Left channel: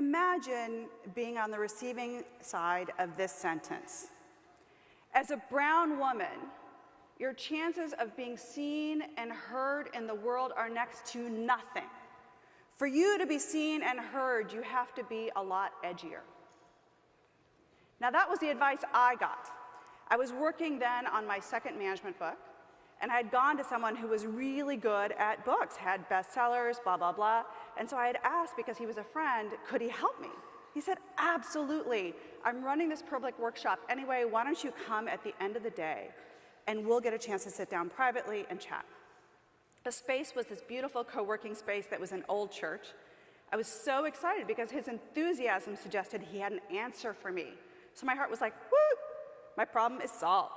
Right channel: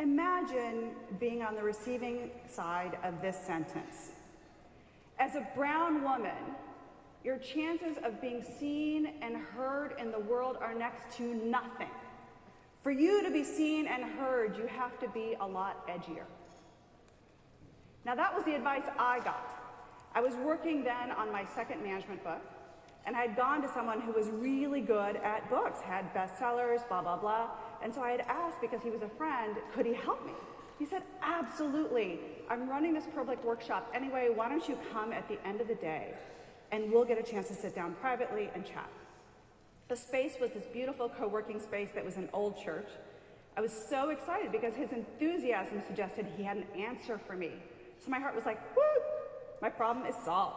Imagine being on the receiving side of this sentence. As a brown woman, your chances of being seen and heard in the world are next to nothing. For you to be seen and heard, you have to be a lot edgier. Now that was the advice I got. I was working then on my second management book, and I had gone to someone who was really good at books, had bestsellers, blah, blah, blah. And so I had asked, because he was a friend, could he help me? He said, absolutely. I'm running this public workshop. Anyway, why don't you come at the end of the day, and we'll get a chance to sit down privately and chat. The space was this beautiful co-working space that was an old church. I was so excited because his enthusiasm suggested he had an answer for me. So my heart was like, woo, my problem is solved.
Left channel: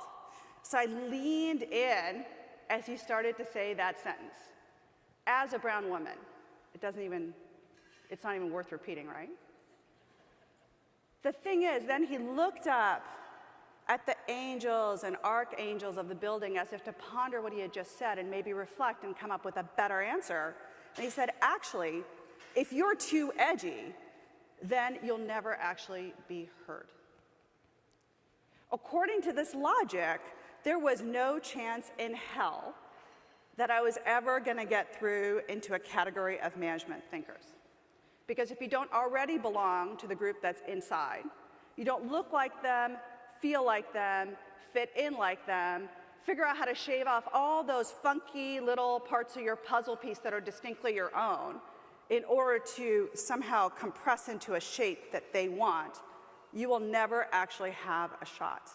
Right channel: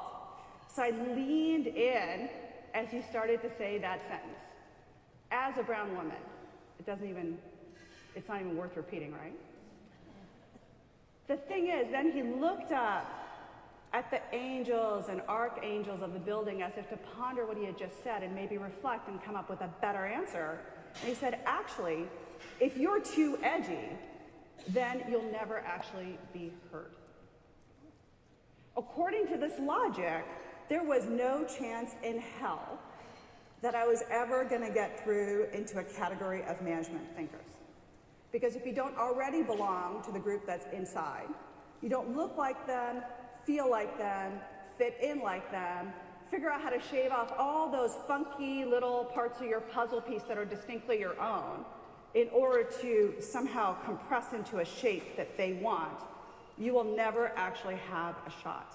So I leaned in as he started to say that sentence. As a brown woman, it's not even worth repeating, right? The thing is, then he looked up at the angels and archangels of the building as if to ponder what he had just said and maybe reflect and come up with a better answer. And he said, actually, if you're too edgy, then you'll never actually be heard. According to this logic, there was no chance in hell that I was ever going to get through into a category of management thinkers. Because if you don't already belong to the group that's inside, you don't look like them, feel like them, fit in like them, figure out how to shave off all those funky little parts of your puzzle piece that are distinctly your own in order to somehow compress into a shape that they want, you will never actually have a shot.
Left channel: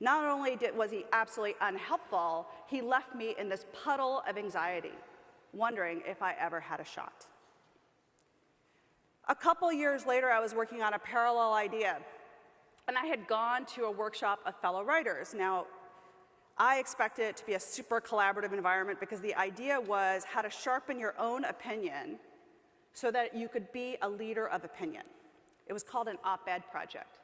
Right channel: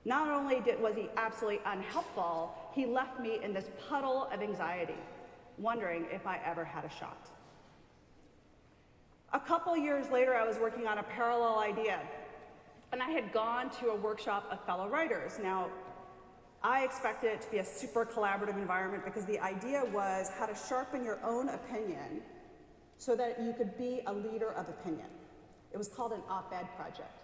Not only was he absolutely unhelpful, he left me in this puddle of anxiety, wondering if I ever had a shot. A couple years later, I was working on a parallel idea, and I had gone to a workshop of fellow writers. Now, I expected it to be a super collaborative environment because the idea was how to sharpen your own opinion so that you could be a leader of opinion. It was called an op-ed project.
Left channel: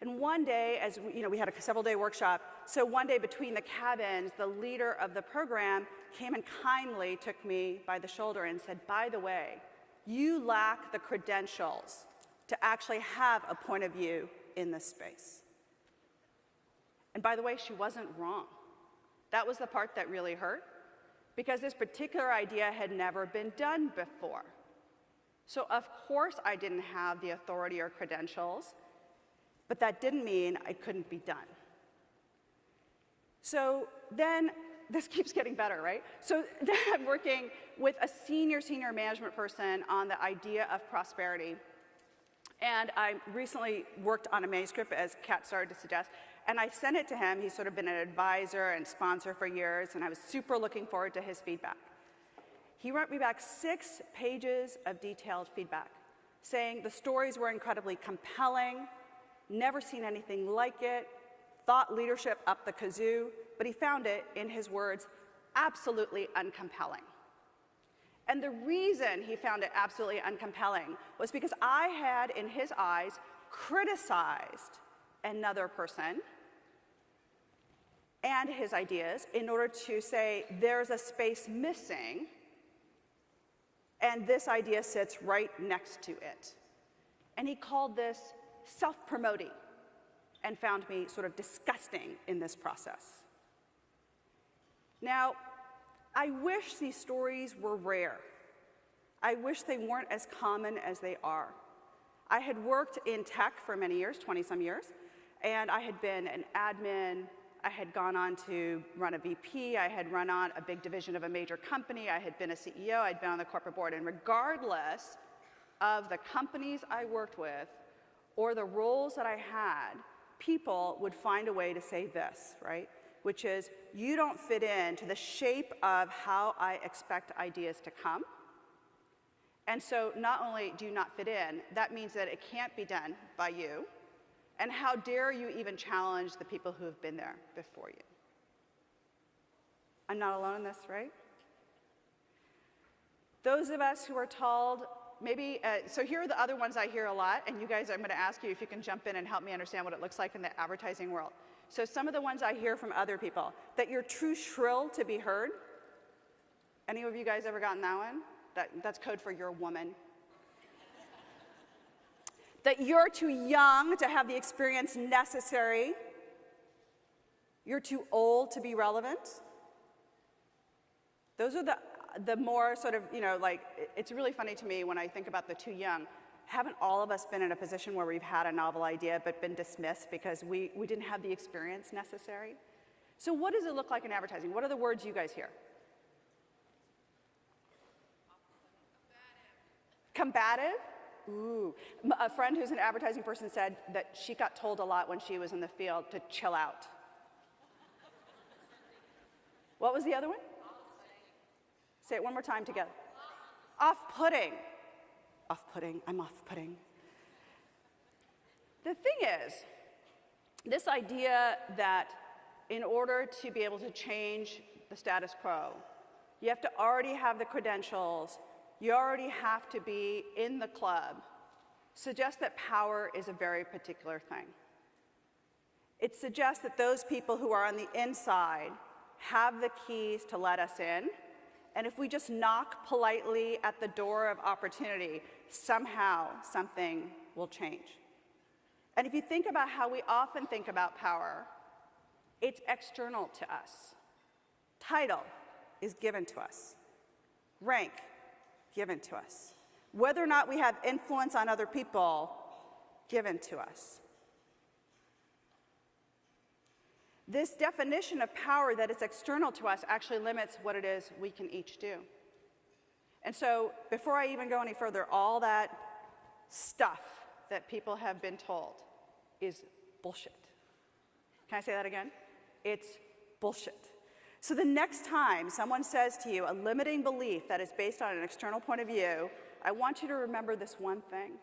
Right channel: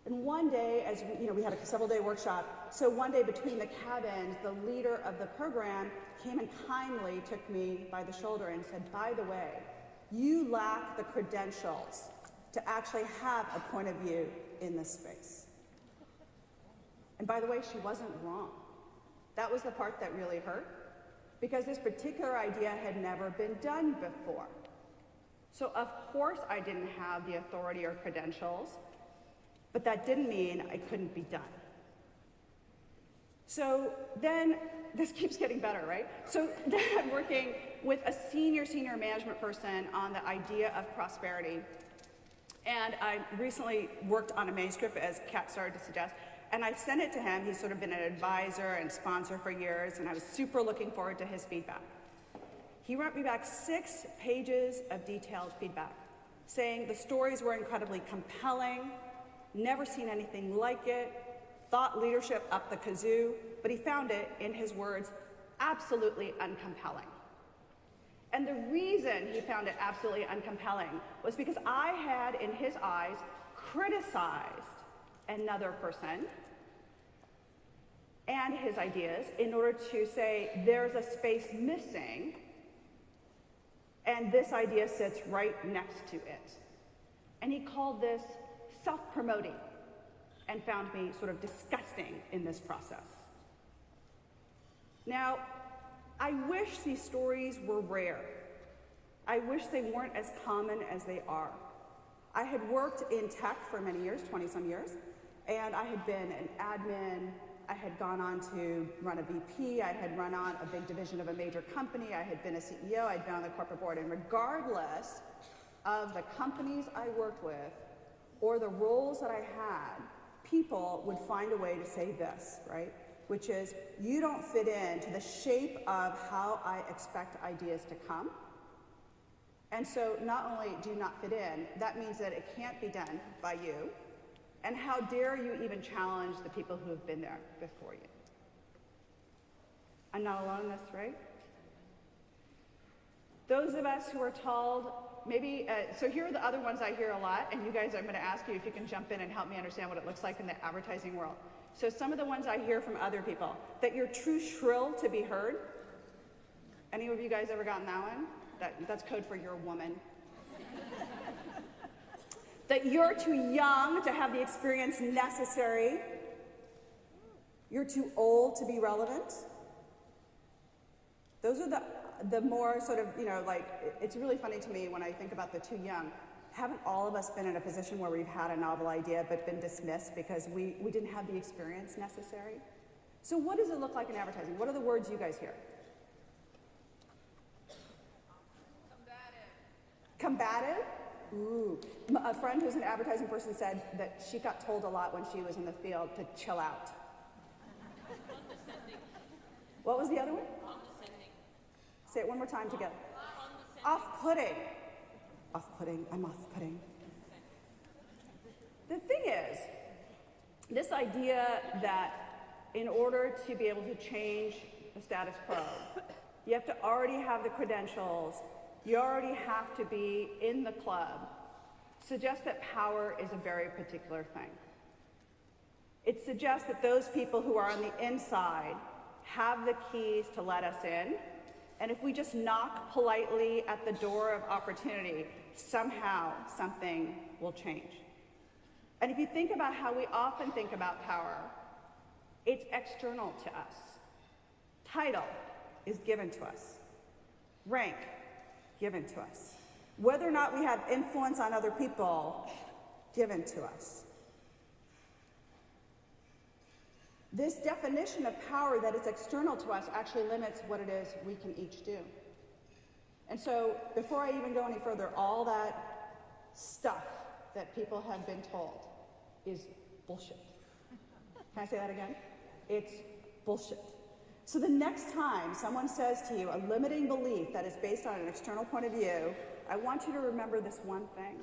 And one day, as we had a several-day workshop, so one day between the cabins, the leader of the program came and kindly took me by the shoulder and said, by the way, you lack the credentials to actually have a point of view in this space. And by the way, she wasn't wrong. That was the part that really hurt, because this particular idea had never been done before. So of course I didn't have the authority or credentials, but that didn't mean I couldn't be done. So then, this keeps getting better, right? So then I'm working with a senior management person on the idea of prosperity. And I recently worked on a manuscript, as Kat started to suggest, and I sent it to him. He's sort of been an advisor and sponsor for years, and I was super looking forward to his feedback. He wrote me back 6 pages of detailed feedback, saying the stories were incredibly compelling, never seen anything like it, thought leadership up the kazoo, but he found it, in his words, absolutely uncompelling. And the reason he found it absolutely uncompelling was because I had, in his eyes, criticized another person and his ideas in order to say there's a space missing, and this idea sits right next to it. And he called this self-promoting and found me sort of disgusting in this process. Now, I wish these stories were rare. I wish they weren't as common as they are. I had worked in tech for many years, 20-some years, and I had been an admin. I had gone on to run a VP. I had run on a big division of a major company. I had been a CEO. I had been on the corporate board. And regardless of the companies I worked with or the roles that I had, people would find a way to say this, right? Which is, you don't fit into the shape of how I expect ideas to come. And so not only do you not fit in, that means that it can't be done by you. And how dare you even challenge the people who have been there before you? I'm not alone in this, right? Those of us who are told, maybe, so here are the other ones I hear a lot, and you guys, I'm going to ask you if you can jump in and help me understand what it looks like in the advertising world. So some of the ones I hear from other people, that you're too shrill to be heard. Any of you guys ever gotten that one? That's code for you're a woman. That you're too young to have the experience necessary. You're too old to be relevant. Those are the more sort of, like, it's really funny to me when I think about the too young. Haven't all of us been in a position where we've had a novel idea but been dismissed because we didn't have the experience necessary? So what does it look like in advertising? What are the words you guys hear? Combative? Ooh. A friend who's an advertising person said that she got told a lot when she was in the field to chill out. What was the other one? Say it one more time together. Off-putting. Off-putting. I'm off-putting. The thing is, this idea that in order to be able to change the status quo, you have to already have the credentials, you already have to be in the club, suggests that power is a very particular thing. It suggests that those people who are on the inside have the keys to let us in, and if we just knock politely at the door of opportunity, somehow something will change. And if you think about how we often think about power, it's external to us. Title is given to us. Rank, given to us. Whether or not we have influence on other people, given to us. This definition of power that is external to us actually limits what it is we can each do. And so, before I even go any further, all that stuff that people have been told is bullshit. Can I say that again? It's bullshit. So the next time someone says to you a limiting belief that is based on an external point of view, I want you to remember this one thing.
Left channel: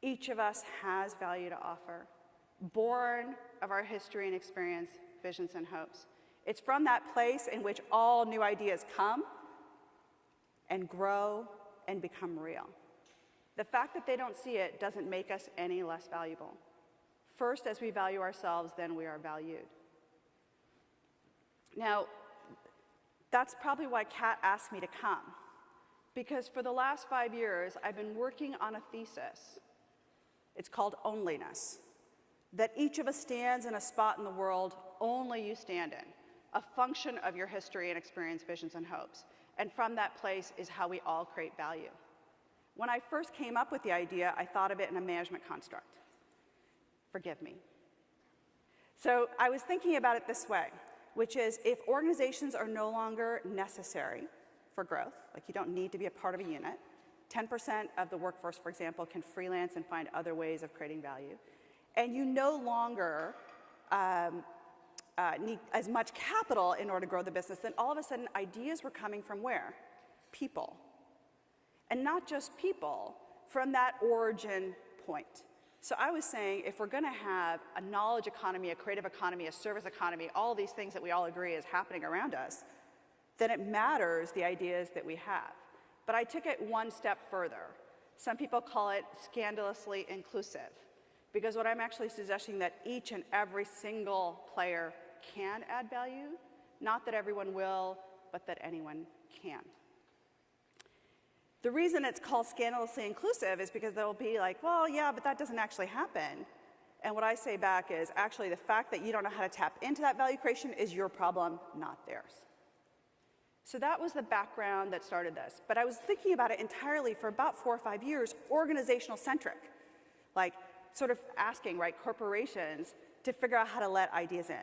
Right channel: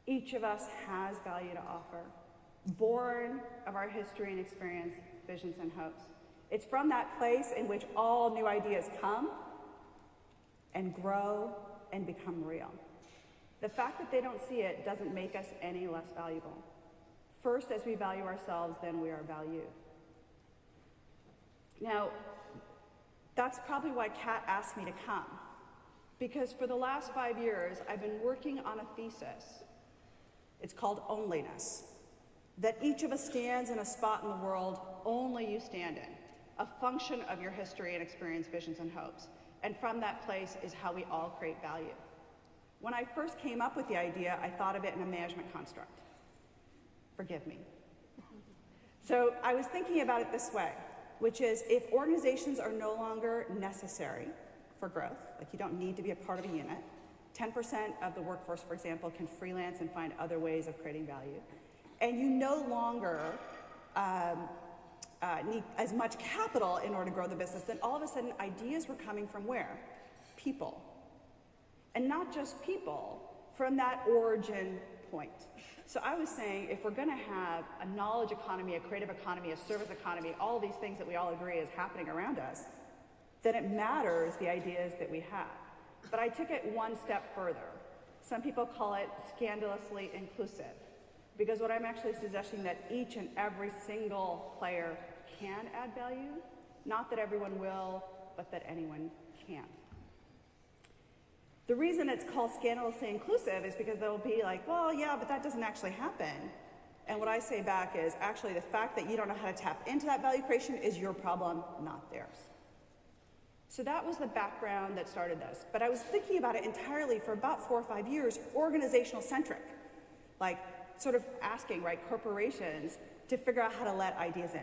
Each of us has value to offer, born of our history and experience, visions and hopes. It's from that place in which all new ideas come and grow and become real. The fact that they don't see it doesn't make us any less valuable. First, as we value ourselves, then we are valued. Now, that's probably why Kat asked me to come. Because for the last 5 years, I've been working on a thesis. It's called Onlyness. That each of us stands in a spot in the world only you stand in. A function of your history and experience, visions, and hopes. And from that place is how we all create value. When I first came up with the idea, I thought of it in a management construct. Forgive me. So I was thinking about it this way, which is if organizations are no longer necessary for growth, like you don't need to be a part of a unit, 10% of the workforce, for example, can freelance and find other ways of creating value, and you no longer need as much capital in order to grow the business, then all of a sudden ideas were coming from where? People. And not just people, from that origin point. So I was saying, if we're going to have a knowledge economy, a creative economy, a service economy, all these things that we all agree is happening around us, then it matters the ideas that we have. But I took it one step further. Some people call it scandalously inclusive, because what I'm actually suggesting that each and every single player can add value, not that everyone will, but that anyone can. The reason it's called scandalously inclusive is because they'll be like, well, yeah, but that doesn't actually happen. And what I say back is, actually, the fact that you don't know how to tap into that value creation is your problem, not theirs. So that was the background that started this. But I was thinking about it entirely for about 4 or 5 years, organizational centric. Like, sort of asking, right, corporations to figure out how to let ideas in.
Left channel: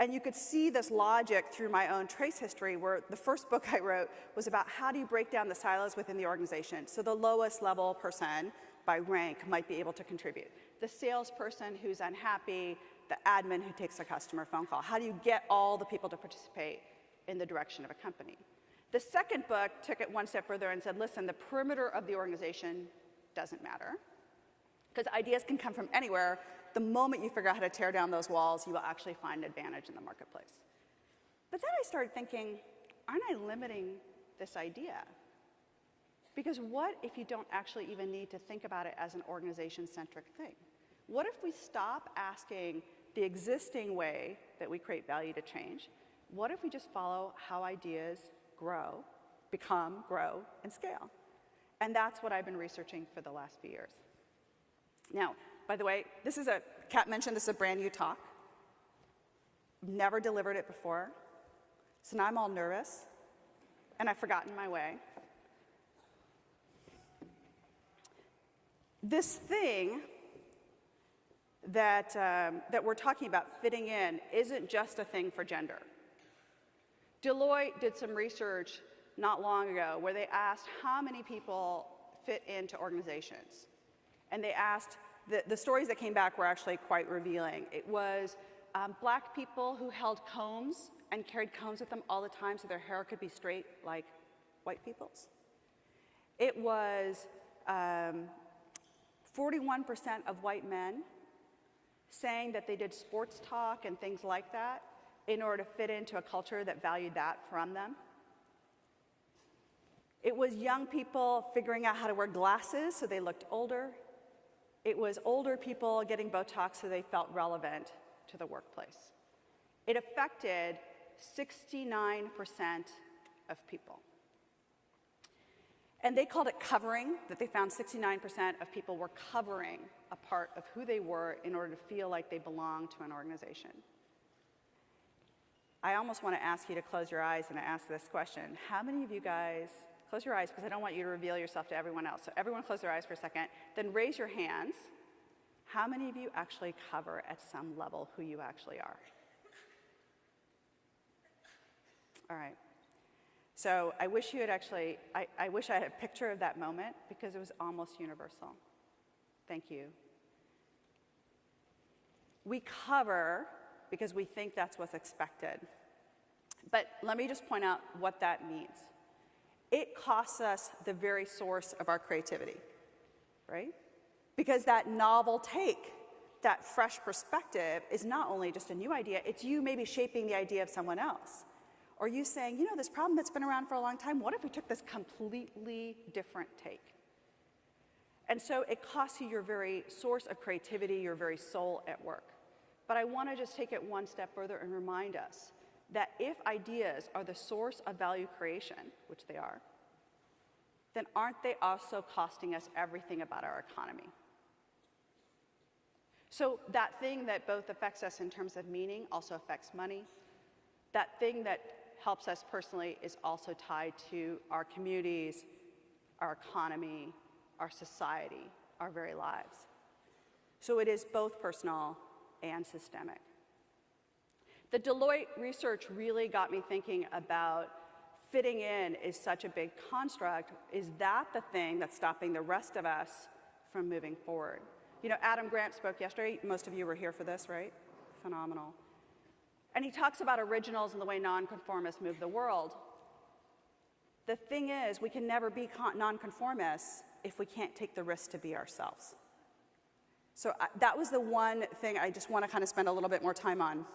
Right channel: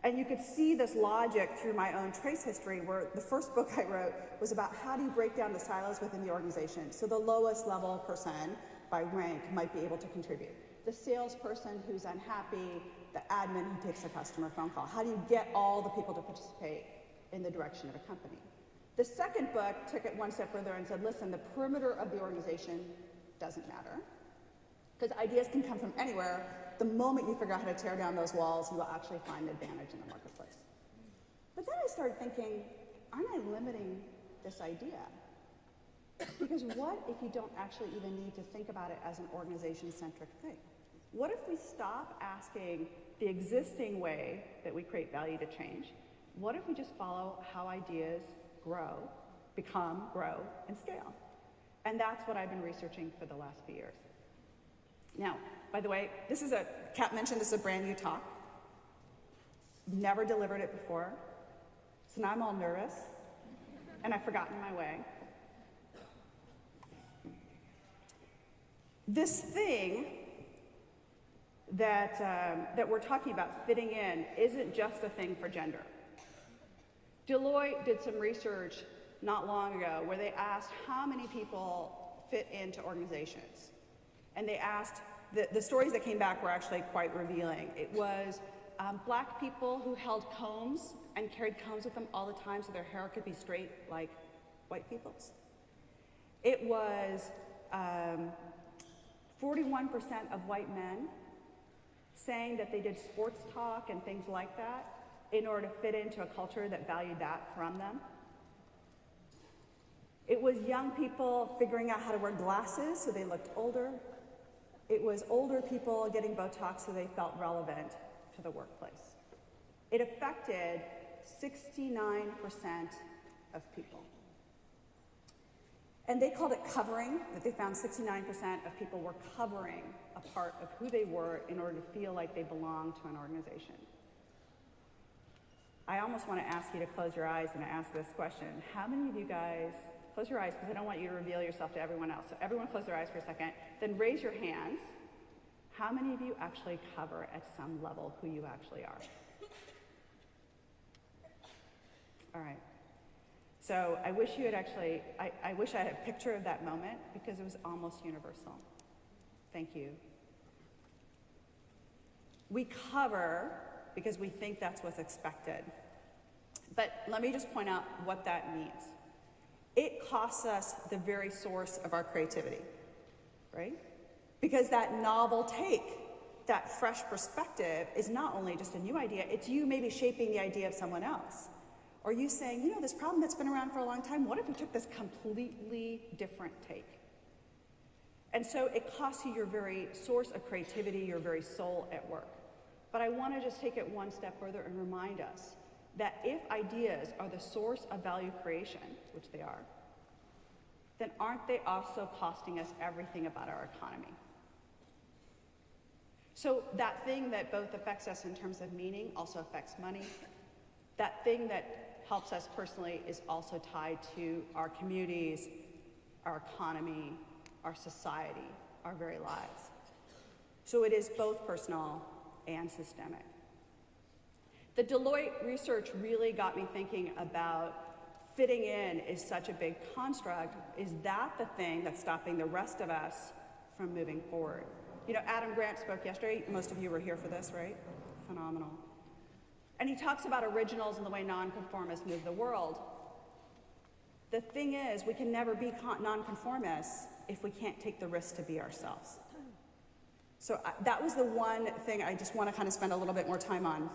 And you could see this logic through my own trace history, where the first book I wrote was about how do you break down the silos within the organization. So the lowest level person by rank might be able to contribute. The salesperson who's unhappy, the admin who takes a customer phone call. How do you get all the people to participate in the direction of a company? The second book took it one step further and said, listen, the perimeter of the organization doesn't matter, because ideas can come from anywhere. The moment you figure out how to tear down those walls, you will actually find advantage in the marketplace. But then I started thinking, aren't I limiting this idea? Because what if you don't actually even need to think about it as an organization-centric thing? What if we stop asking the existing way that we create value to change? What if we just follow how ideas grow, become, grow, and scale? And that's what I've been researching for the last few years. Now, by the way, Kat mentioned this is a brand new talk. Never delivered it before. So now I'm all nervous, and I've forgotten my way. This thing that we're talking about, fitting in, isn't just a thing for gender. Deloitte did some research not long ago where they asked how many people fit into organizations. And they asked, the stories that came back were actually quite revealing. It was black people who held combs and carried combs with them all the time so their hair could be straight like white people's. It was 41% of white men saying that they did sports talk and things like that in order to fit into a culture that valued that from them. It was young people figuring out how to wear glasses so they looked older. It was older people getting Botox so they felt relevant to the workplace. It affected 69% of people. And they called it covering, that they found 69% of people were covering a part of who they were in order to feel like they belonged to an organization. I almost want to ask you to close your eyes and ask this question. How many of you guys, close your eyes because I don't want you to reveal yourself to everyone else. So everyone close their eyes for a second, then raise your hands. How many of you actually cover at some level who you actually are? All right. So I wish you had actually, I wish I had a picture of that moment because it was almost universal. Thank you. We cover because we think that's what's expected. But let me just point out what that means. It costs us the very source of our creativity, right? Because that novel take, that fresh perspective is not only just a new idea, it's you maybe shaping the idea of someone else. Or you saying, you know, this problem that's been around for a long time, what if we took this completely different take? And so it costs you your very source of creativity, your very soul at work. But I want to just take it one step further and remind us that if ideas are the source of value creation, which they are, then aren't they also costing us everything about our economy? So that thing that both affects us in terms of meaning also affects money. That thing that helps us personally is also tied to our communities, our economy, our society, our very lives. So it is both personal and systemic. The Deloitte research really got me thinking about fitting in is such a big construct. Is that the thing that's stopping the rest of us from moving forward? You know, Adam Grant spoke yesterday. Most of you were here for this, right? Phenomenal. And he talks about originals and the way nonconformists move the world. The thing is, we can never be nonconformists if we can't take the risk to be ourselves. So that was the one thing I just want to kind of spend a little bit more time on.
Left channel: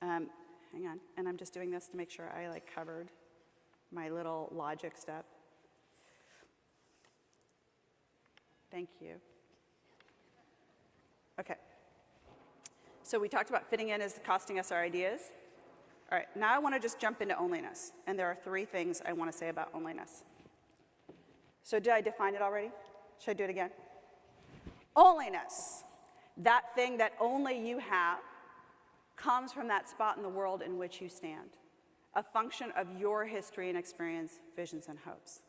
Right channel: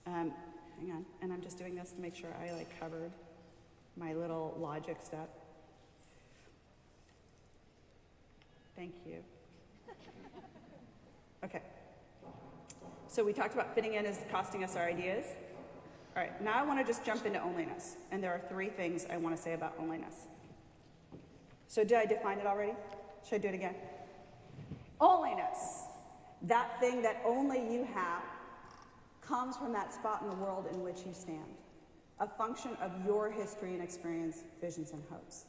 Hang on, and I'm just doing this to make sure I covered my little logic step. Thank you. Okay. So we talked about fitting in as costing us our ideas. All right, now I want to just jump into onlyness. And there are 3 things I want to say about onlyness. So did I define it already? Should I do it again? Onlyness, that thing that only you have, comes from that spot in the world in which you stand, a function of your history and experience, visions and hopes.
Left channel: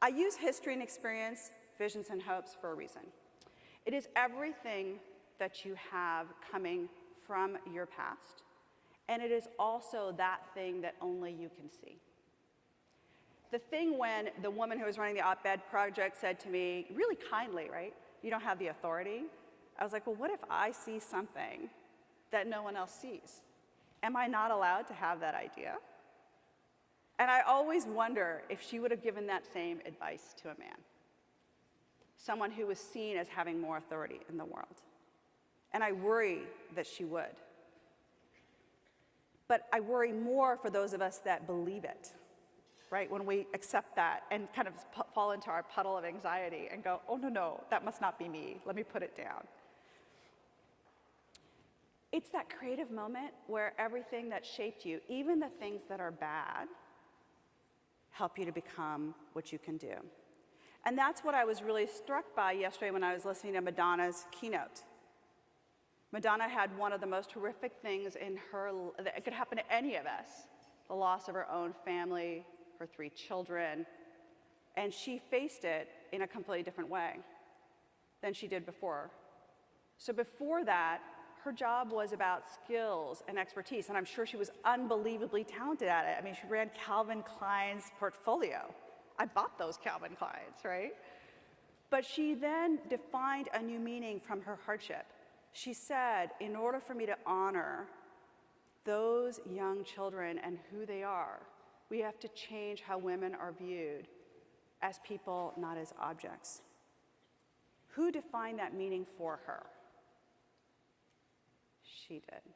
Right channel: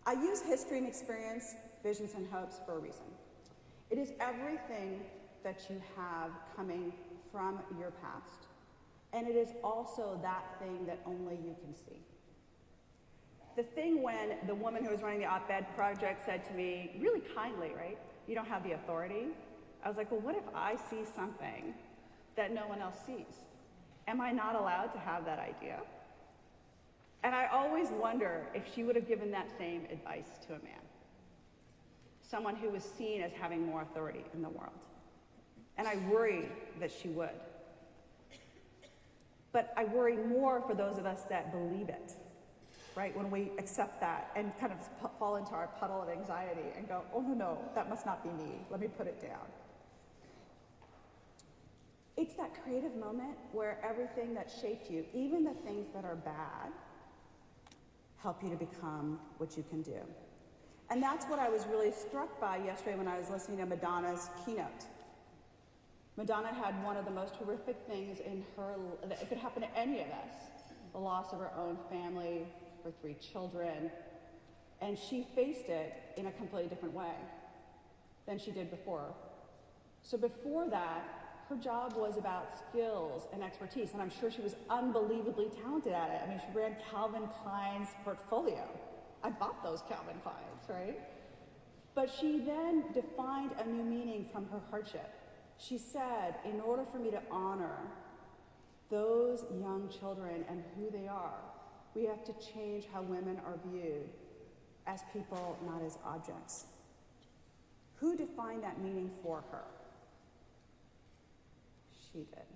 I use history and experience, visions and hopes for a reason. It is everything that you have coming from your past, and it is also that thing that only you can see. The thing when the woman who was running the op-ed project said to me, really kindly, right, you don't have the authority. I was like, well, what if I see something that no one else sees? Am I not allowed to have that idea? And I always wonder if she would have given that same advice to a man, someone who was seen as having more authority in the world. And I worry that she would. But I worry more for those of us that believe it, right? When we accept that and kind of fall into our puddle of anxiety and go, oh, no, that must not be me. Let me put it down. It's that creative moment where everything that shaped you, even the things that are bad, help you to become what you can do. And that's what I was really struck by yesterday when I was listening to Madonna's keynote. Madonna had one of the most horrific things in her, that could happen to any of us, the loss of her own family, her 3 children, and she faced it in a completely different way than she did before. So before that, her job was about skills and expertise, and I'm sure she was unbelievably talented at it. I mean, she read Calvin Klein's portfolio. I bought those Calvin Kleins, right? But she then defined a new meaning from her hardship. She said, in order for me to honor those young children and who they are, we have to change how women are viewed as people, not as objects. Who defined that meaning for her? She did.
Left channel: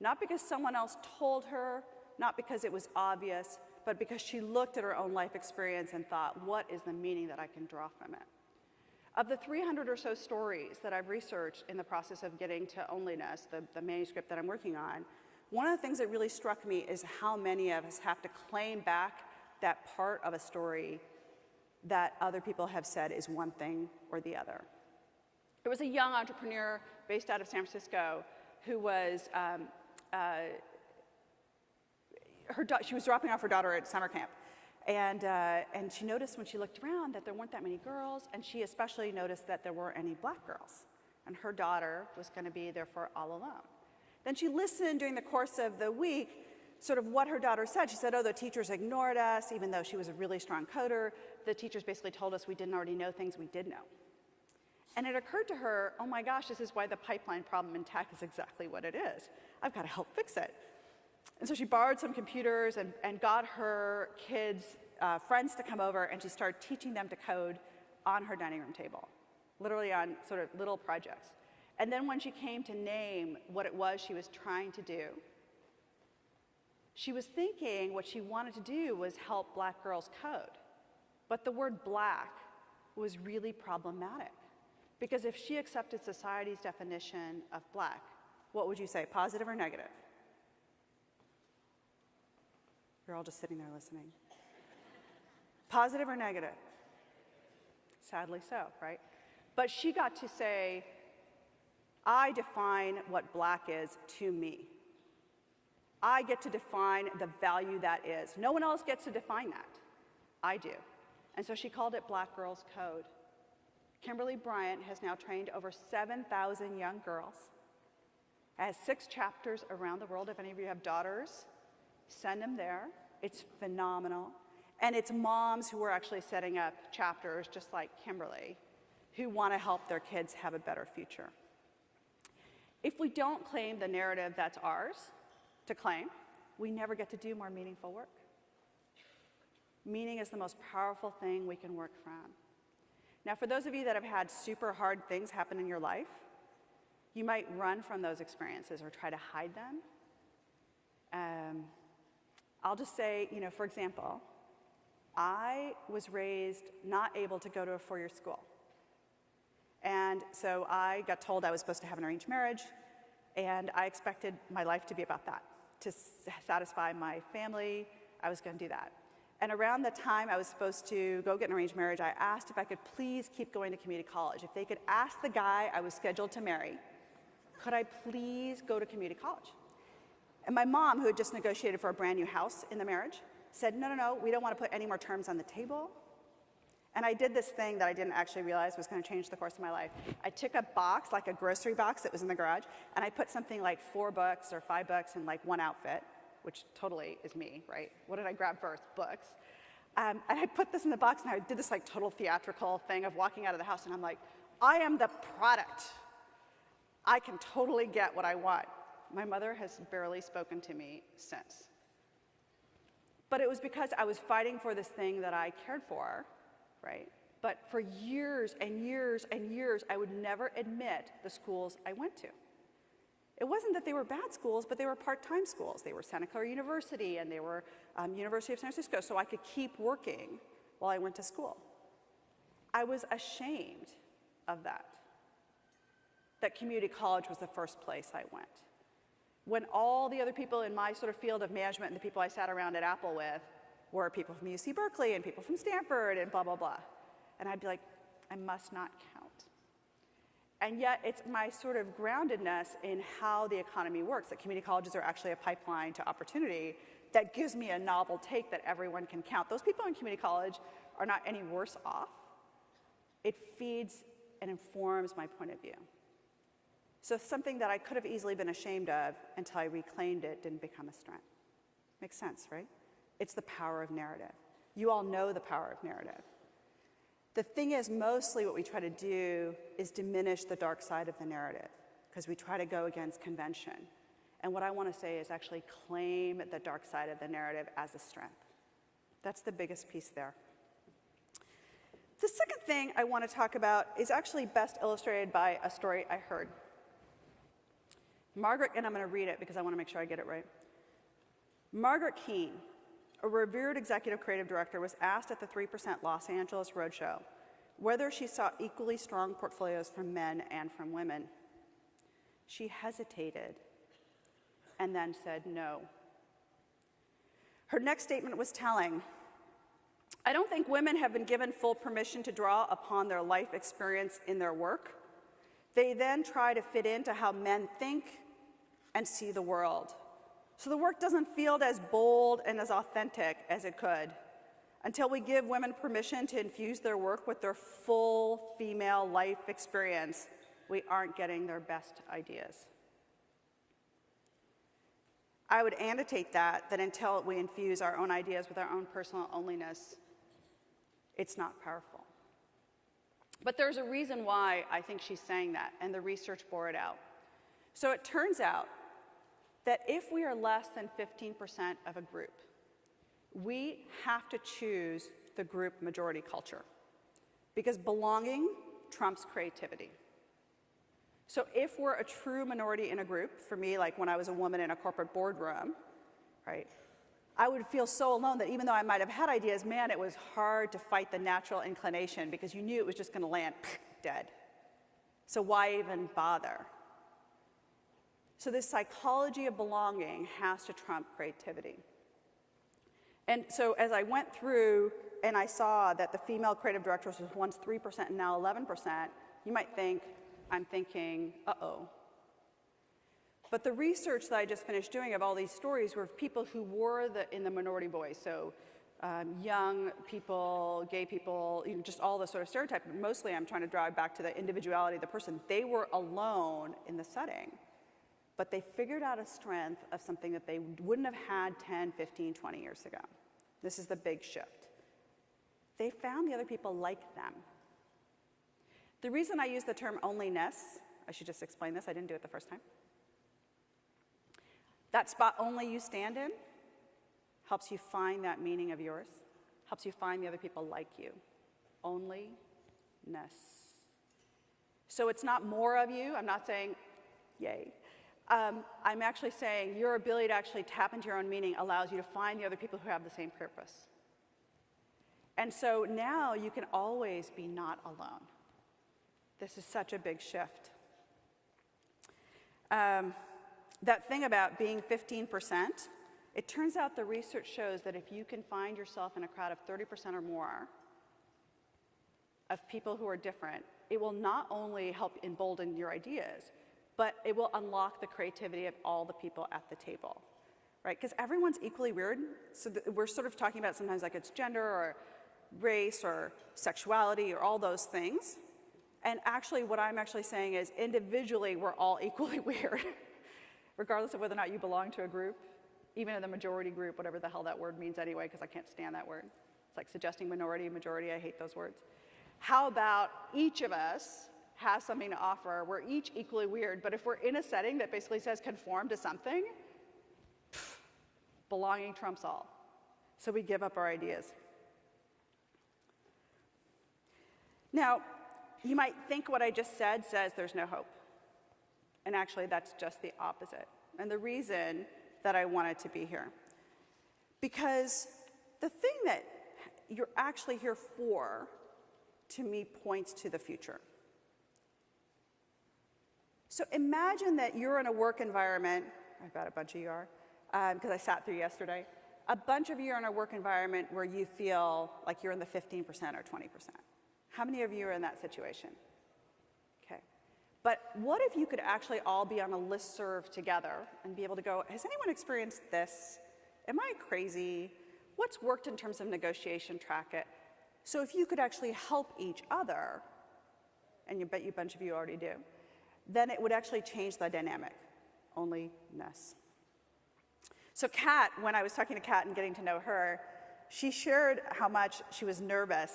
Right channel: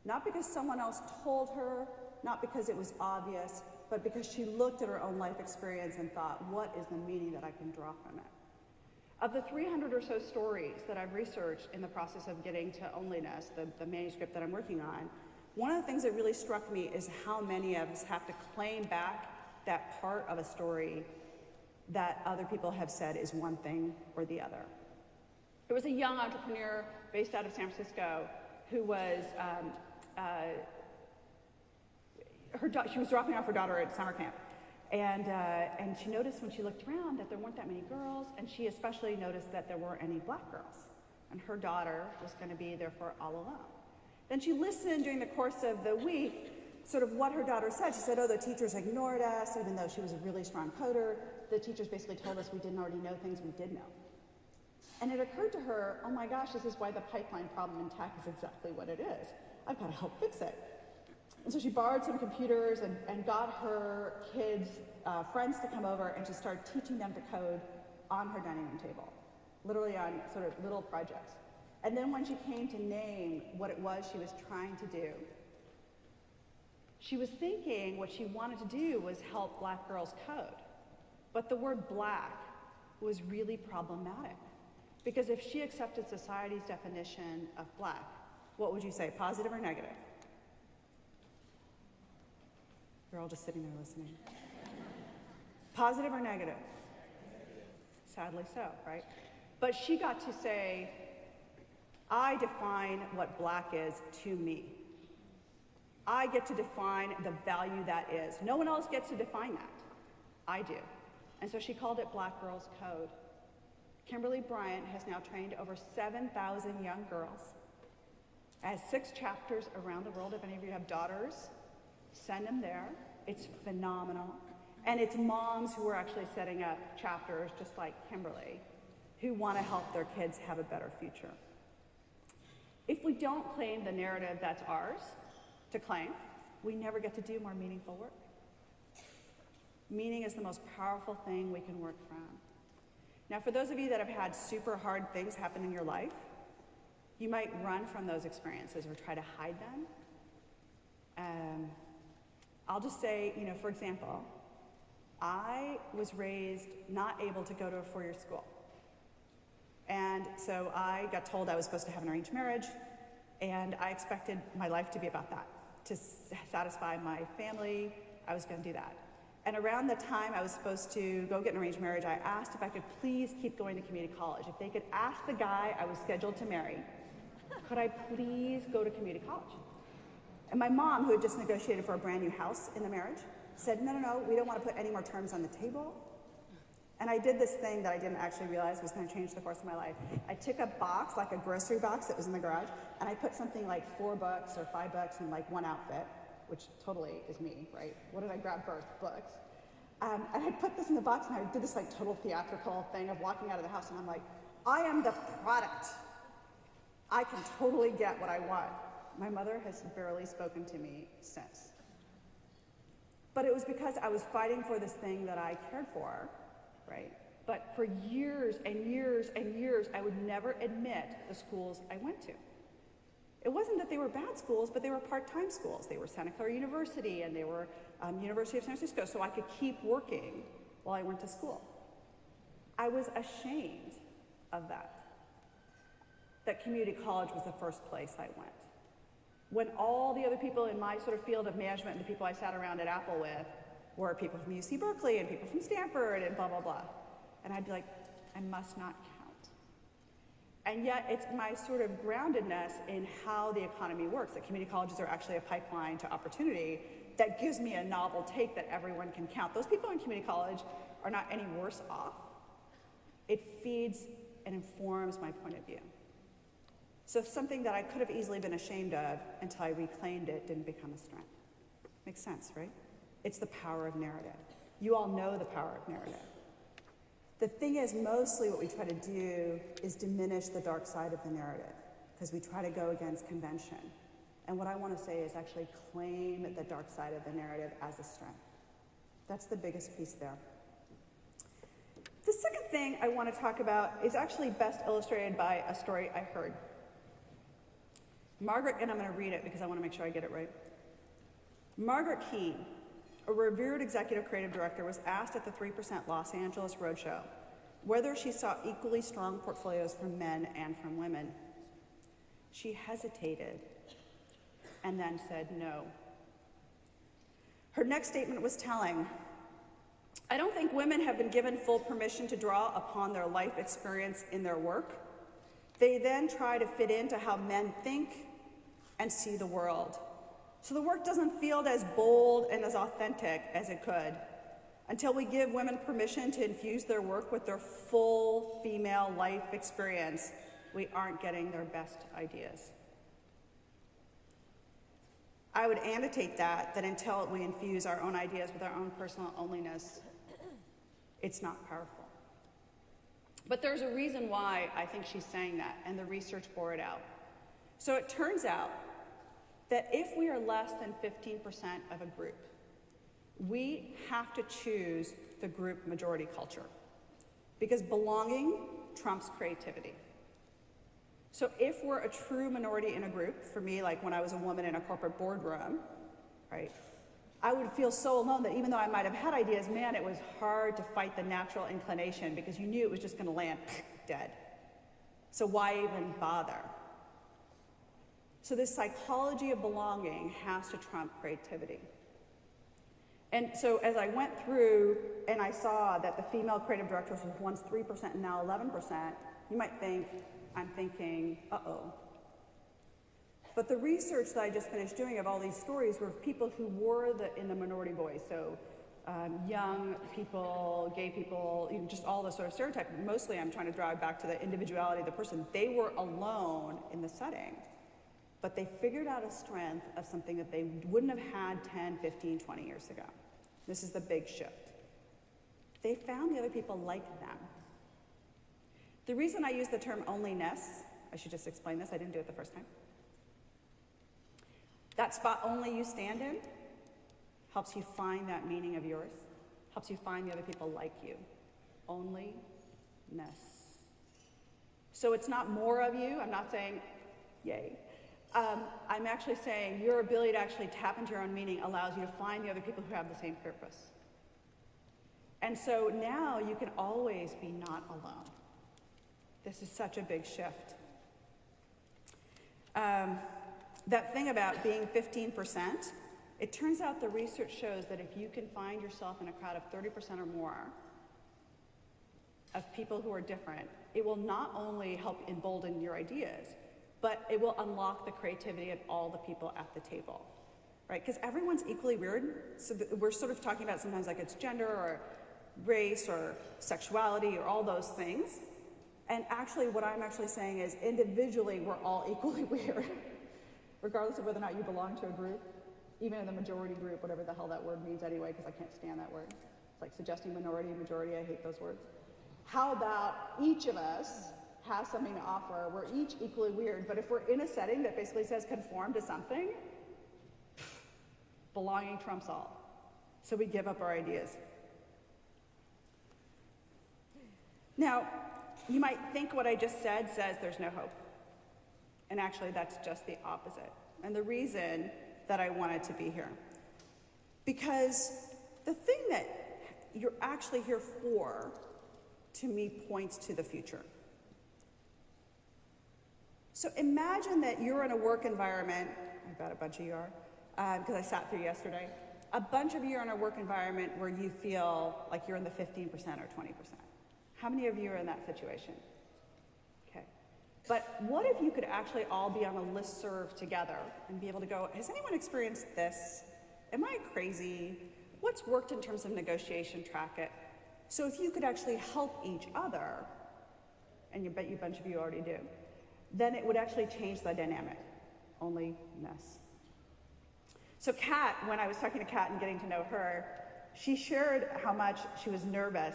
Not because someone else told her, not because it was obvious, but because she looked at her own life experience and thought, what is the meaning that I can draw from it? Of the 300 or so stories that I've researched in the process of getting to Onlyness, the manuscript that I'm working on, one of the things that really struck me is how many of us have to claim back that part of a story that other people have said is one thing or the other. There was a young entrepreneur based out of San Francisco who was, she was dropping off her daughter at summer camp. And she noticed when she looked around that there weren't that many girls, and she especially noticed that there weren't any black girls. And her daughter was going to be there for all alone. Then she listened during the course of the week, sort of what her daughter said. She said, oh, the teachers ignored us, even though she was a really strong coder. The teachers basically told us we didn't already know things we did know. And it occurred to her, oh my gosh, this is why the pipeline problem in tech is exactly what it is. I've got to help fix it. And so she borrowed some computers and got her kids' friends to come over, and she started teaching them to code on her dining room table, literally on sort of little projects. And then when she came to name what it was she was trying to do, she was thinking what she wanted to do was help black girls code. But the word black was really problematic, because if she accepted society's definition of black, what would you say, positive or negative? You're all just sitting there listening. Positive or negative? Sadly so, right? But she got to say, I define what black is to me. I get to define the value that is. No one else gets to define that. I do. And so she called it Black Girls Code. Kimberly Bryant has now trained over 7,000 young girls, has 6 chapters around the world. If any of you have daughters, send them there. It's phenomenal. And it's moms who are actually setting up chapters, just like Kimberly, who want to help their kids have a better future. If we don't claim the narrative that's ours to claim, we never get to do more meaningful work. Meaning is the most powerful thing we can work from. Now, for those of you that have had super hard things happen in your life, you might run from those experiences or try to hide them. I'll just say, for example, I was raised not able to go to a 4-year school. And so I got told I was supposed to have an arranged marriage, and I expected my life to be about that. To satisfy my family, I was going to do that. And around the time I was supposed to go get an arranged marriage, I asked if I could please keep going to community college. If they could ask the guy I was scheduled to marry, could I please go to community college? And my mom, who had just negotiated for a brand new house in the marriage, said, no, we don't want to put any more terms on the table. And I did this thing that I didn't actually realize was going to change the course of my life. I took a box, like a grocery box that was in the garage, and I put something like $4 or $5 in like one outfit, which totally is me, right? What did I grab first? Books. And I put this in the box, and I did this like total theatrical thing of walking out of the house, and I'm like, I am the product. I can totally get what I want. My mother has barely spoken to me since. But it was because I was fighting for this thing that I cared for, right? But for years and years and years, I would never admit the schools I went to. It wasn't that they were bad schools, but they were part-time schools. They were Santa Clara University, and they were University of San Francisco, so I could keep working while I went to school. I was ashamed of that community college was the first place I went. When all the other people in my sort of field of management, the people I sat around at Apple with, were people from UC Berkeley and people from Stanford and blah, blah, blah. And I'd be like, I must not count. And yet it's my sort of groundedness in how the economy works, that community colleges are actually a pipeline to opportunity, that gives me a novel take that everyone can count. Those people in community college are not any worse off. It feeds and informs my point of view. So something that I could have easily been ashamed of until I reclaimed it didn't become a strength. Makes sense, right? It's the power of narrative. You all know the power of narrative. The thing is, mostly what we try to do is diminish the dark side of the narrative, because we try to go against convention. And what I want to say is actually claim the dark side of the narrative as a strength. That's the biggest piece there. The second thing I want to talk about is actually best illustrated by a story I heard. Margaret, and I'm going to read it because I want to make sure I get it right. Margaret Key, a revered executive creative director, was asked at the 3% Los Angeles Roadshow whether she saw equally strong portfolios from men and from women. She hesitated and then said no. Her next statement was telling. I don't think women have been given full permission to draw upon their life experience in their work. They then try to fit into how men think and see the world. So the work doesn't feel as bold and as authentic as it could. Until we give women permission to infuse their work with their full female life experience, we aren't getting their best ideas. I would annotate that until we infuse our own ideas with our own personal onlyness, it's not powerful. But there's a reason why I think she's saying that, and the research bore it out. So it turns out that if we are less than 15% of a group, we have to choose the group majority culture, because belonging trumps creativity. So if we're a true minority in a group, for me, like when I was a woman in a corporate boardroom, right, I would feel so alone that even though I might have had ideas, man, it was hard to fight the natural inclination because you knew it was just going to land dead. So why even bother? So this psychology of belonging has to trump creativity. And so as I went through and I saw that the female creative directors was once 3% and now 11%, you might think, I'm thinking, uh-oh. But the research that I just finished doing of all these stories were people who were in the minority voice. So young people, gay people, just all the sort of stereotypes. Mostly I'm trying to drive back to the individuality of the person. They were alone in the setting. But they figured out a strength of something that they wouldn't have had 10, 15, 20 years ago. This is the big shift. They found the other people like them. The reason I use the term onlyness, I should just explain this, I didn't do it the first time. That spot only you stand in helps you find that meaning of yours, helps you find the other people like you. Onlyness. So it's not more of you, I'm not saying, yay. I'm actually saying your ability to actually tap into your own meaning allows you to find the other people who have the same purpose. And so now you can always be not alone. This is such a big shift. That thing about being 15%, it turns out the research shows that if you can find yourself in a crowd of 30% or more of people who are different, it will not only help embolden your ideas, but it will unlock the creativity of all the people at the table, right? Because everyone's equally weird. So we're sort of talking about sometimes like it's gender or race or sexuality or all those things. And actually what I'm actually saying is individually we're all equally weird, regardless of whether or not you belong to a group, even in the majority group, whatever the hell that word means anyway, because I can't stand that word. It's like suggesting minority, majority, I hate those words. How about each of us has something to offer? We're each equally weird, but if we're in a setting that basically says conform to something, belonging trumps all. So we give up our ideas. Now, you might think what I just said says there's no hope. And actually, that's just the opposite. And the reason that I wanted to be here. Because the thing that you're actually here for, to me, points to the future. So imagine that you're in a work environment, I bet a bunch of you are, because I sat through yesterday. A bunch of you are in a work environment where you feel like you're in the 15% or 20%. How many of you are in that situation? Okay. But what if you could actually all be on a listserv together and be able to go, has anyone experienced this? Am I crazy? What's worked in terms of negotiation, track it? So if you could actually help each other, and you bet you a bunch of you already do, then it would actually change the dynamic. Onlyness. So Kat, when I was talking to Kat and getting to know her, she shared how much she was nervous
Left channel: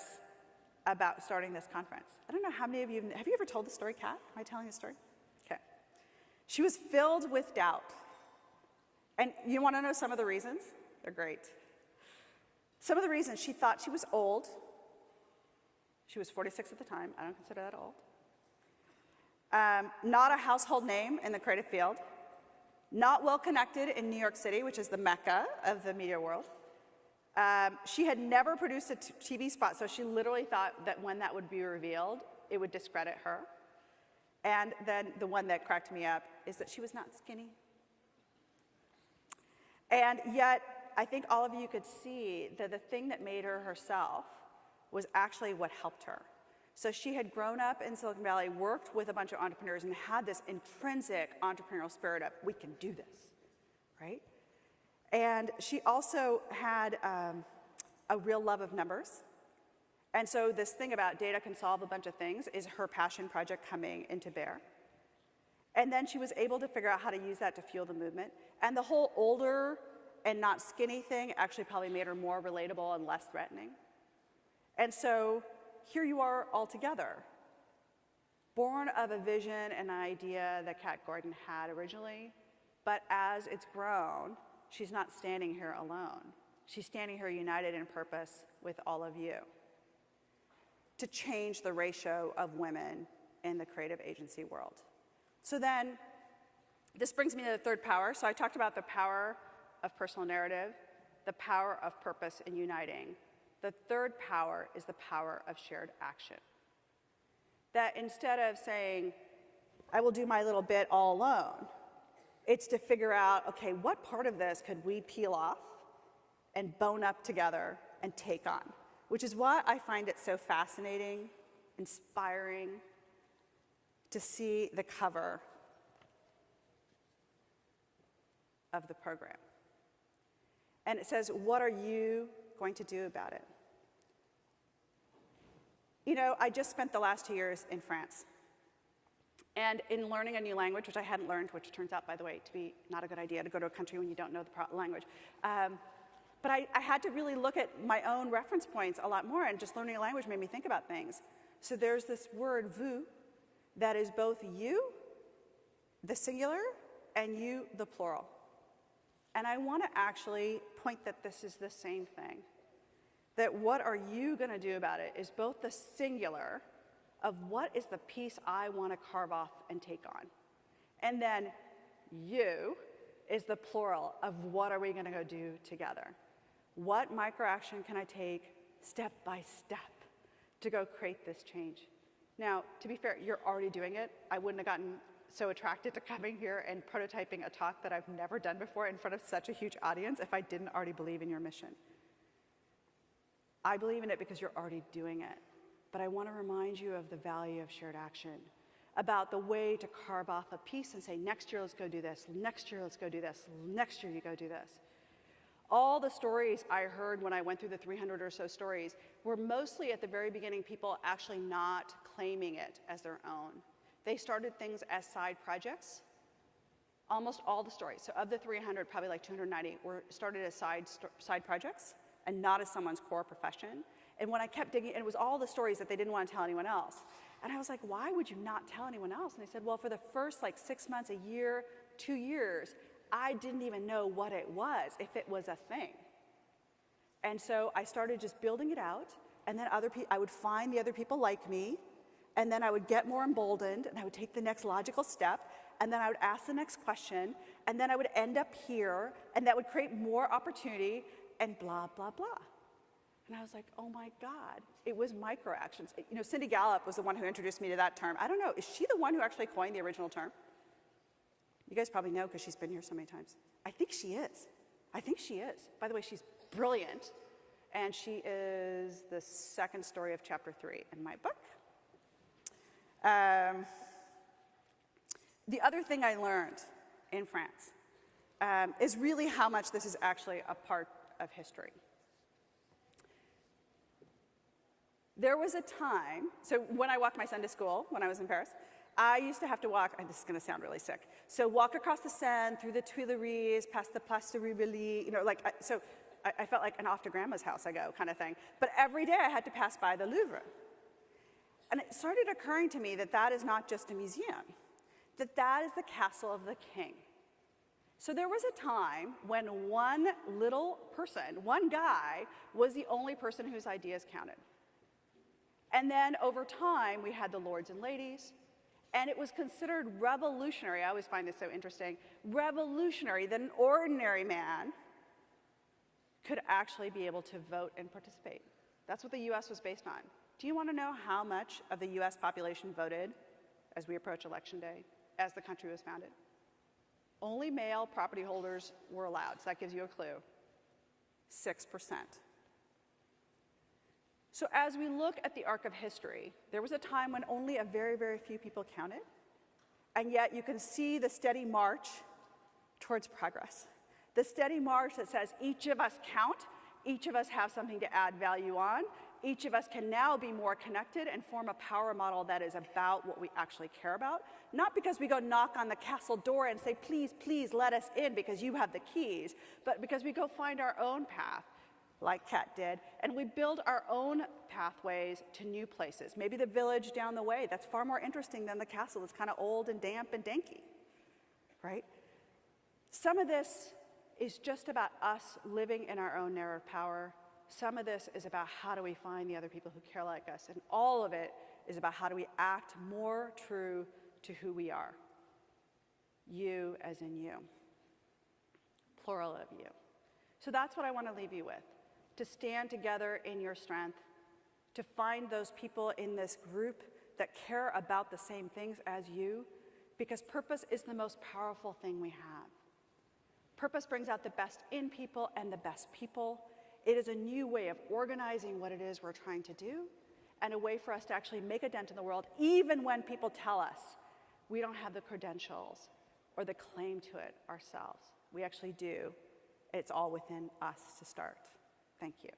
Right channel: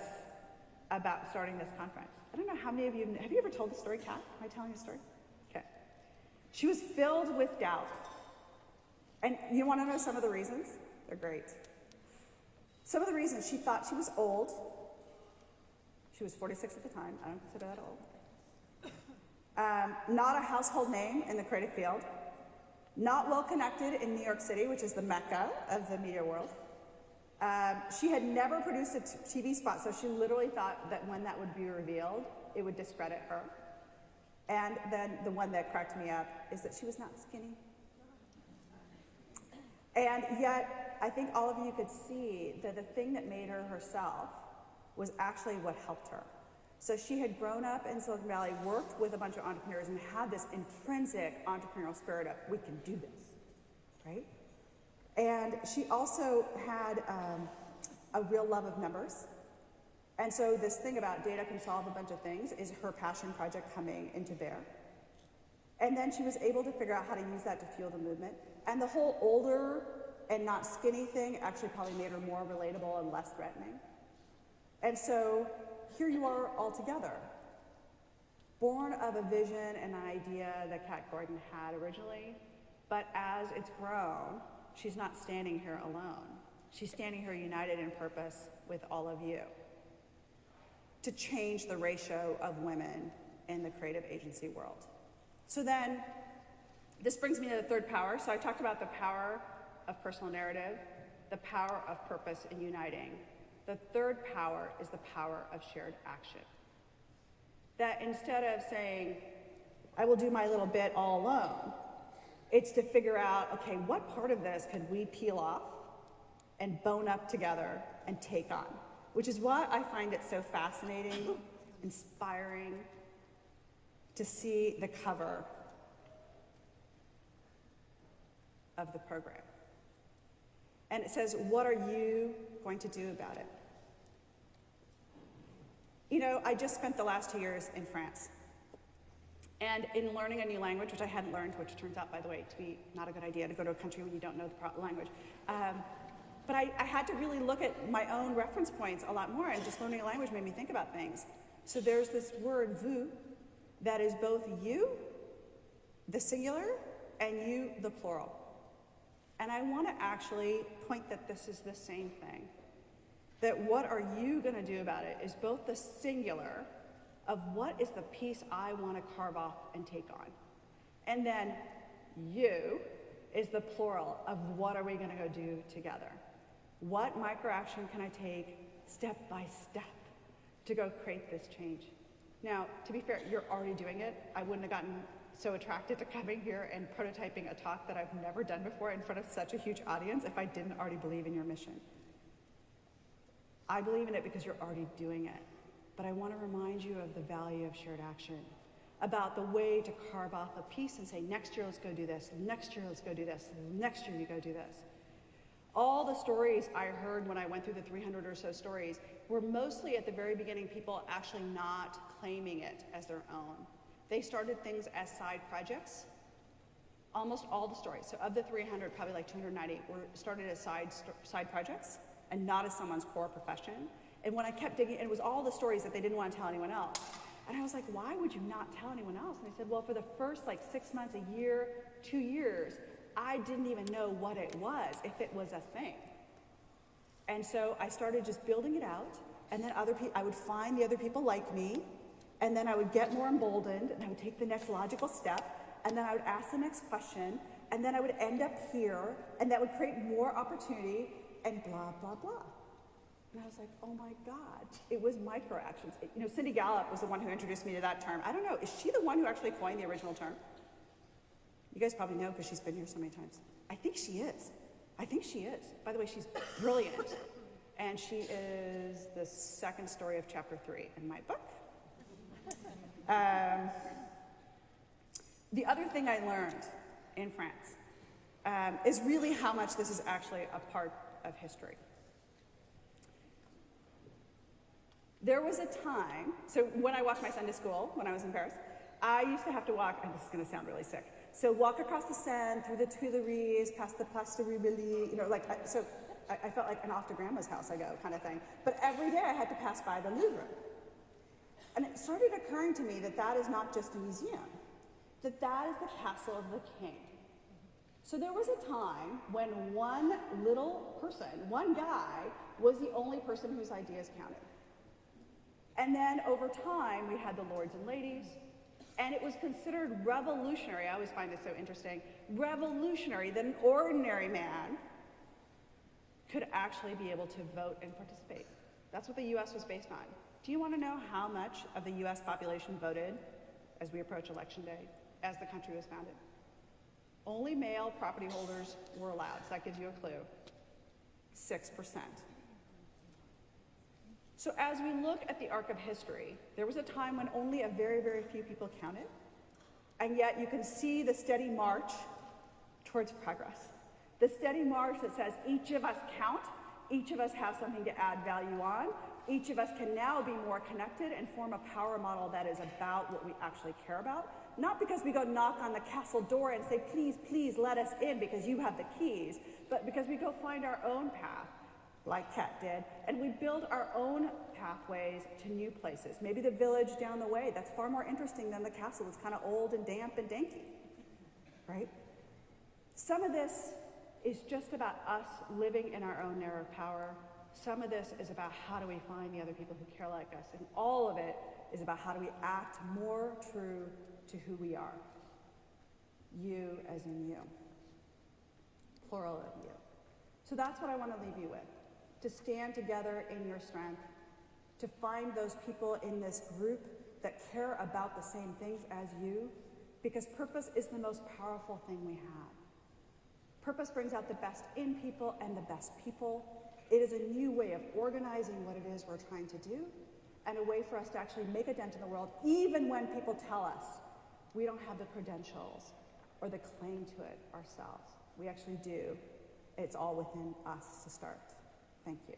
about starting this conference. I don't know how many of you, have you ever told the story, Kat? Am I telling the story? Okay. She was filled with doubt. And you want to know some of the reasons? They're great. Some of the reasons: she thought she was old. She was 46 at the time. I don't consider that old. Not a household name in the creative field. Not well connected in New York City, which is the mecca of the media world. She had never produced a TV spot, so she literally thought that when that would be revealed, it would discredit her. And then the one that cracked me up is that she was not skinny. And yet, I think all of you could see that the thing that made her herself was actually what helped her. So she had grown up in Silicon Valley, worked with a bunch of entrepreneurs, and had this intrinsic entrepreneurial spirit of, we can do this, right? And she also had a real love of numbers. And so this thing about data can solve a bunch of things is her passion project coming into bear. And then she was able to figure out how to use that to fuel the movement. And the whole older and not skinny thing actually probably made her more relatable and less threatening. And so here you are all together, born of a vision and idea that Kat Gordon had originally, but as it's grown, she's not standing here alone. She's standing here united in purpose with all of you to change the ratio of women in the creative agency world. So then, this brings me to the third power. So I talked about the power of personal narrative, the power of purpose in uniting. The third power is the power of shared action. That instead of saying, I will do my little bit all alone, it's to figure out, okay, what part of this could we peel off and bone up together and take on? Which is why I find it so fascinating, inspiring, to see the cover of the program. And it says, what are you going to do about it? You know, I just spent the last 2 years in France. And in learning a new language, which I hadn't learned, which turns out, by the way, to be not a good idea to go to a country when you don't know the proper language. But I had to really look at my own reference points a lot more, and just learning a language made me think about things. So there's this word, vous, that is both you, the singular, and you, the plural. And I want to actually point that this is the same thing. That what are you going to do about it is both the singular of what is the piece I want to carve off and take on. And then you is the plural of what are we going to go do together. What micro-action can I take step by step to go create this change? Now, to be fair, you're already doing it. I wouldn't have gotten so attracted to coming here and prototyping a talk that I've never done before in front of such a huge audience if I didn't already believe in your mission. I believe in it because you're already doing it. But I want to remind you of the value of shared action, about the way to carve off a piece and say, next year let's go do this, next year let's go do this, next year we go do this. All the stories I heard when I went through the 300 or so stories were mostly at the very beginning people actually not claiming it as their own. They started things as side projects. Almost all the stories, so of the 300, probably like 290, were started as side projects and not as someone's core profession. And when I kept digging, it was all the stories that they didn't want to tell anyone else. And I was like, why would you not tell anyone else? And they said, well, for the first like 6 months, a year, 2 years, I didn't even know what it was, if it was a thing. And so I started just building it out, and then I would find the other people like me, and then I would get more emboldened, and I would take the next logical step, and then I would ask the next question, and then I would end up here, and that would create more opportunity, and blah, blah, blah. And I was like, oh my God, it was micro-actions. You know, Cindy Gallup was the one who introduced me to that term. I don't know, is she the one who actually coined the original term? You guys probably know because she's been here so many times. I think she is. By the way, she's brilliant. and she is the second story of chapter 3 in my book. The other thing I learned in France is really how much this is actually a part of history. There was a time, so when I walked my Sunday school, when I was in Paris, I used to have to walk, and this is gonna sound really sick, so walk across the Seine, through the Tuileries, past the Place de Rivoli, you know, like, I felt like an off to grandma's house I go kind of thing. But every day I had to pass by the Louvre. And it started occurring to me that that is not just a museum, that that is the castle of the king. So there was a time when one little person, one guy, was the only person whose ideas counted. And then over time, we had the lords and ladies, and it was considered revolutionary. I always find this so interesting. Revolutionary that an ordinary man could actually be able to vote and participate. That's what the US was based on. Do you want to know how much of the US population voted as we approach election day, as the country was founded? Only male property holders were allowed, so that gives you a clue. 6%. So as we look at the arc of history, there was a time when only a very, very few people counted, and yet you can see the steady march towards progress. The steady march that says each of us count, each of us has something to add value on, each of us can now be more connected and form a power model that is about what we actually care about. Not because we go knock on the castle door and say, please, please let us in because you have the keys, but because we go find our own path, like Kat did, and we build our own pathways to new places. Maybe the village down the way, that's far more interesting than the castle. It's kind of old and damp and danky, right? Some of this is just about us living in our own narrow power. Some of this is about how do we find the other people who care like us, and all of it is about how do we act more true to who we are. You as in you. Plural of you. So that's what I want to leave you with. To stand together in your strength, to find those people in this group that care about the same things as you, because purpose is the most powerful thing we have. Purpose brings out the best in people and the best people. It is a new way of organizing what it is we're trying to do, and a way for us to actually make a dent in the world, even when people tell us we don't have the credentials or the claim to it ourselves. We actually do. It's all within us to start. Thank you.